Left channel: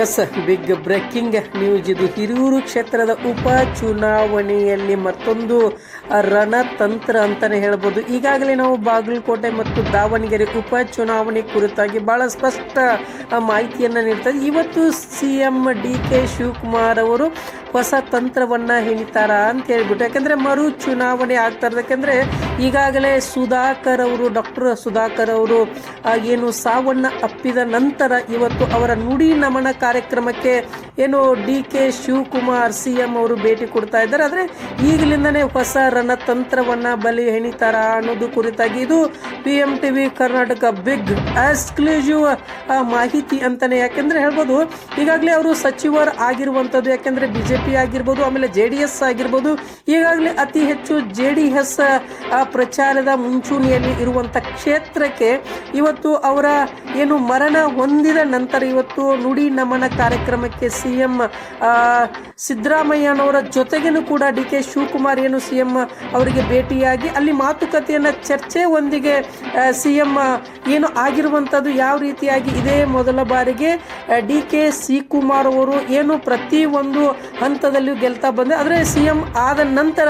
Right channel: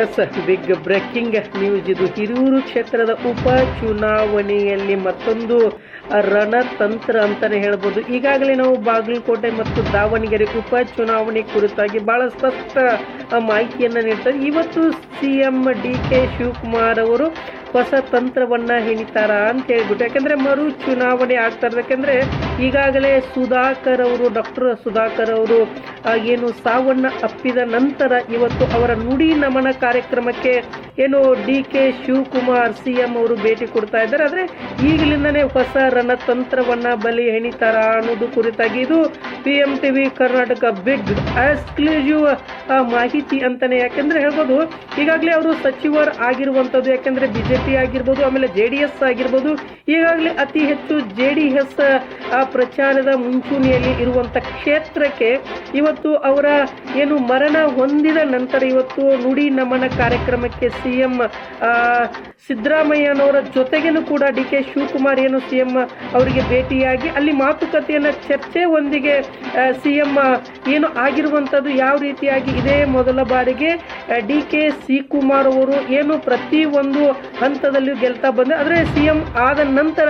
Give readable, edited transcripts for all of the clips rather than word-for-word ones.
S big breaking news ಇದು. ಹಿರಿಯೂರು ಕ್ಷೇತ್ರದ ಉಪ ಚುನಾವಣೆಯಲ್ಲಿ ಮತ್ತೊಂದು ರಣತಂತ್ರ ಅಂತಾನೆ ಹೇಳ್ಬೋದು. ಈಗಾಗಲೇ ನಾವು ಬಾಗಲಕೋಟೆ ಮತ್ತು ದಾವಣಗೆರೆ ಉಪ ಚುನಾವಣೆ ಕುರಿತಾಗಿ ಬಹಳ ಸ್ಪಷ್ಟ ಮಾಹಿತಿಯನ್ನು ನೀಡ್ತಾರೆ. ಇವತ್ತು ಸಿಎಂ DK ಶಿವಕುಮಾರ್ ಅವರು ಹೊಸ ತಂತ್ರವನ್ನ ಹೆಣಿತಾರ ಅಂತ ಹೇಳ್ಬಿಟ್ಟು, ಯಾಕಂದ್ರೆ ಮರು ಚುನಾವಣೆ ಆಗ್ತಾ ಇರೋದು. ಯಾಕಂದ್ರೆ ಈಗಾಗಲೇ ಡಾಕ್ಟರ್ ಸುಧಾಕರ್ ಅವರು ಏನು ಸಾವನ್ನ ಅಪ್ಪಿದ ನಂತರ ಇವತ್ತು ಅವರ ನುಡಿ ನಮನ ಕಾರ್ಯಕ್ರಮಕ್ಕೆ ಏನು DK ಶಿವಕುಮಾರ್ ಸಿಎಂ ಅವರು ಭೇಟಿ ಕೊಡ್ತಾ ಇದ್ದಾರೆ. ಆದ್ರೆ ಈಗಲಿಂದನೇ ಹೊಸ ರಣತಂತ್ರವನ್ನ ಬಲಿ ಹೆಣಿತಾರ ಅನ್ನೋದು ಕುರಿತಾಗಿ ಇದು PMTV ಕರ್ನಾಟಕ ಬಿಗ್ ಎಕ್ಸ್ಕ್ಲೂಸಿವ್ ಮಾಹಿತಿ ಅಂತಾನೆ ಯಾಕಂದ್ರೆ ಹೇಳ್ಬೋದು. ಈಗಾಗಲೇ ಅವರು ಸಚಿವರು ಆಗಿರುವಂತದ್ದು, ಯಾಕಂದ್ರೆ BJP ಆಗಿರ್ಬೋದು, ಆಮೇಲೆ JDS ಆಗಿರ್ಬೋದು, ಈಗಾಗಲೇ ಅತಿ ಹೆಚ್ಚು JDS ಪ್ರಚಾರದ ಮುಂಚೂಣಿಯಲ್ಲಿ ಇರುವಂತ ಕ್ಷೇತ್ರಕ್ಕೆ ಇವತ್ತು ಅವರ ಏನು ಮರಣ ಹೊಂದಿದ ನಂತರ ಇವತ್ತು ನುಡಿ ನಮನ ಕಾರ್ಯಕ್ರಮಕ್ಕೆ ಸಿಎಂ ಸಿದ್ದರಾಮಯ್ಯನವರ ಜೊತೆಗೇನು ಕೂಡ DK ಶಿವಕುಮಾರ್ ಏನು ಸಿಎಂ ಅವರಿಗೆ ಭೇಟಿಯಾಗಿ ಅಲ್ಲಿ ಮಾತುಕತೆಯನ್ನ ಚರ್ಚೆ ಒಂದಿಗೆ ಸಿಎಂ ಏನು ಆಗಿರುವಂತದ್ದು ಯಾವ ರೀತಿಯಾಗಿ ಇದೇ ಮೊದಲ ಬಾರಿಗೆ DK ಶಿವಕುಮಾರ್ ಅವರು ಏನು ಪ್ರತಿ ಒಂದು ಹಂತದಲ್ಲಿ ಗೆಲ್ತಾ ಬಂದ, ಆದರೆ ಸಿಎಂ ಆದ ನಂತರ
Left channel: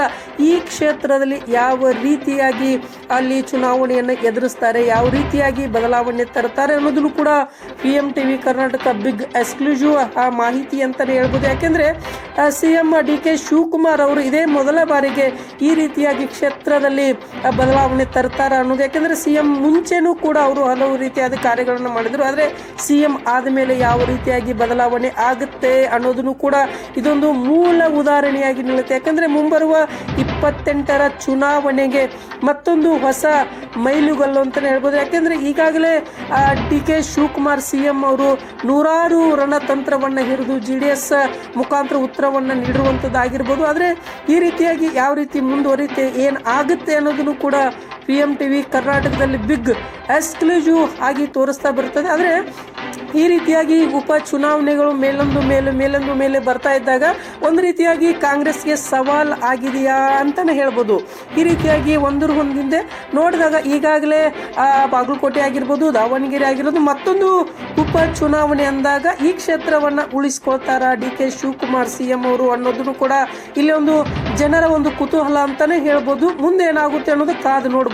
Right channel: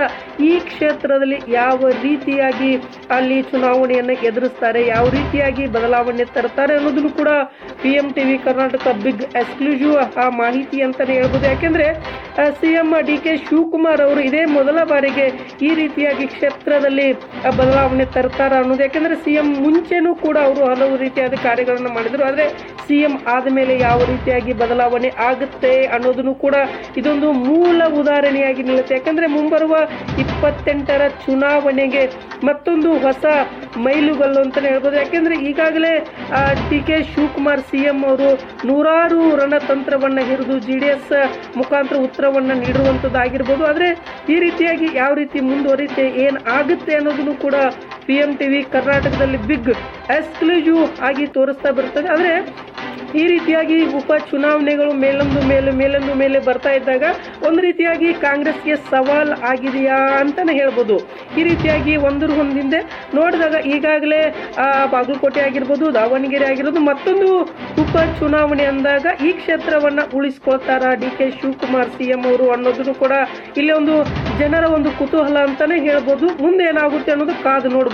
ಈ ಕ್ಷೇತ್ರದಲ್ಲಿ ಯಾವ ರೀತಿಯಾಗಿ ಅಲ್ಲಿ ಚುನಾವಣೆಯನ್ನು ಎದುರಿಸ್ತಾರೆ, ಯಾವ ರೀತಿಯಾಗಿ ಬದಲಾವಣೆ ತರ್ತಾರೆ ಅನ್ನೋದನ್ನು ಕೂಡ PMTV ಕರ್ನಾಟಕ ಬಿಗ್ ಎಕ್ಸ್ಕ್ಲೂಸಿವ್ ಮಾಹಿತಿ ಅಂತಾನೆ ಹೇಳ್ಬೋದು. ಯಾಕೆಂದ್ರೆ ಸಿಎಂ DK ಶಿವಕುಮಾರ್ ಅವರು ಇದೇ ಮೊದಲ ಬಾರಿಗೆ ಈ ರೀತಿಯಾಗಿ ಕ್ಷೇತ್ರದಲ್ಲಿ ಬದಲಾವಣೆ ತರ್ತಾರ ಅನ್ನೋದು. ಯಾಕೆಂದ್ರೆ ಸಿಎಂ ಮುಂಚೆನೂ ಕೂಡ ಅವರು ಹಲವು ರೀತಿಯಾದ ಕಾರ್ಯಗಳನ್ನು ಮಾಡಿದ್ರು, ಆದ್ರೆ ಸಿಎಂ ಆದಮೇಲೆ ಯಾವ ರೀತಿಯಾಗಿ ಬದಲಾವಣೆ ಆಗುತ್ತೆ ಅನ್ನೋದನ್ನು ಕೂಡ ಇದೊಂದು ಮೂಲ ಉದಾಹರಣೆಯಾಗಿ ನಿಲ್ಲುತ್ತೆ. ಯಾಕಂದ್ರೆ ಮುಂಬರುವ 28ರ ಚುನಾವಣೆಗೆ ಮತ್ತೊಂದು ಹೊಸ ಮೈಲುಗಲ್ಲು ಅಂತಾನೆ ಹೇಳ್ಬೋದು. ಯಾಕೆಂದ್ರೆ ಈಗಾಗಲೇ DK ಶಿವಕುಮಾರ್ ಸಿಎಂ ಅವರು ನೂರಾರು ರಣತಂತ್ರವನ್ನ ಹಿಡಿದು JDS ಮುಖಾಂತರ ಉತ್ತರವನ್ನ ನೀಡಿರುವಂತದ್ದಾಗಿರ್ಬೋದು. ಆದ್ರೆ ಈ ರೀತಿಯಾಗಿ ಯಾವ ರೀತಿ ಮುಂದುವರಿತೆ ಏನ್ ಆಗುತ್ತೆ ಅನ್ನೋದನ್ನು ಕೂಡ PMTV ಕರ್ನಾಟಕದಲ್ಲಿ ಬಿಗ್ ಎಕ್ಸ್ಕ್ಲೂಸಿವ್ ಆಗಿ ತೋರಿಸ್ತಾ ಬರ್ತದೆ. ಆದ್ರೆ ಈ ರೀತಿಯಾಗಿ ಉಪ ಚುನಾವಣೆಗಳು ಮೇಲೊಂದು ಮೇಲೆ ಬರ್ತಾ ಇದ್ದಾಗ ಒಂದು ರೀತಿಯಾಗಿ ಕಾಂಗ್ರೆಸ್ಗೆ ಸವಾಲ್ ಆಗಿದೆಯಾ ಅಂತಾನೆ ಹೇಳ್ಬೋದು. ಈ ರೀತಿಯಾಗಿ ಒಂದ್ರ ಹಿಂದೆ ನೋಡಿದಾಗ ಈಗಾಗಲೇ ಬಾಗಲಕೋಟೆ ಆಗಿರ್ಬೋದು, ದಾವಣಗೆರೆ ಆಗಿರ್ಬೋದು, ಮತ್ತೊಂದು ಉಪ ಚುನಾವಣೆ ಅಂದಾಗ ಈ ಕ್ಷೇತ್ರವನ್ನ ಉಳಿಸ್ಕೊಳ್ತಾರ DK ಶಿವಕುಮಾರ್ ಸಿಎಂ ಅವರು ಅನ್ನೋದನ್ನು ಕೂಡ ಇಲ್ಲಿ ಒಂದು ಜನರ ಒಂದು ಕುತೂಹಲ ಅಂತಾನೆ ಹೇಳ್ಬೋದು. ಮುಂದೆ ಏನಾಗುತ್ತೆ ಅನ್ನೋದು ಕಾದು ನೋಡ್ಬೋದು.